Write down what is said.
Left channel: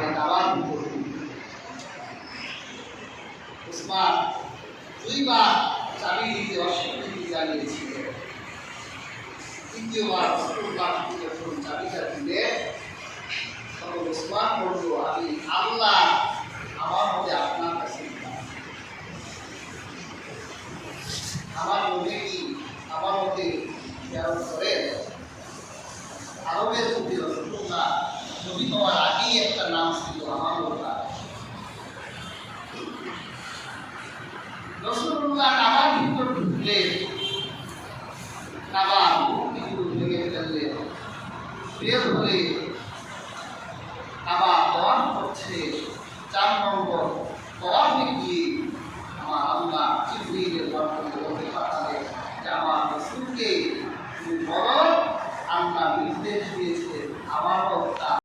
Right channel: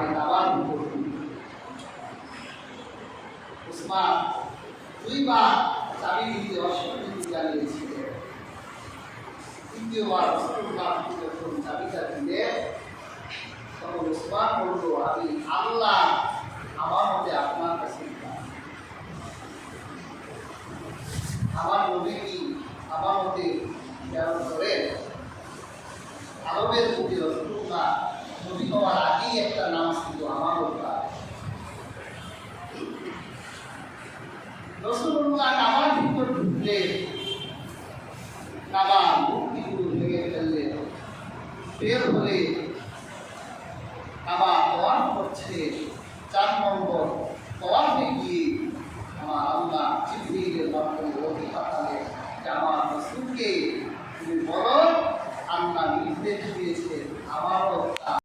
আগে দাবার ভিতর উসমান দুইবার চাবি দিতে অস্বীকৃতি জানিয়েছিলেন। তৃতীয়বার রসুল্লাহ যখন চাবিটা দিলে তখন উসমান বলল, আমি আল্লাহ আমার মধ্যে আপনার কাছে আমার নবী কি আমার মধ্যে প্রেরণ করেন। আরবের প্রতি রসুল্লাহ নবী হওয়ার আগেই একটা নাম ছিল আমার ওপর। রসুল্লাহ কাবার ভিতর ঢুকলে কাবার মূর্তিগুলো ভেঙে ফেললে, বের হলে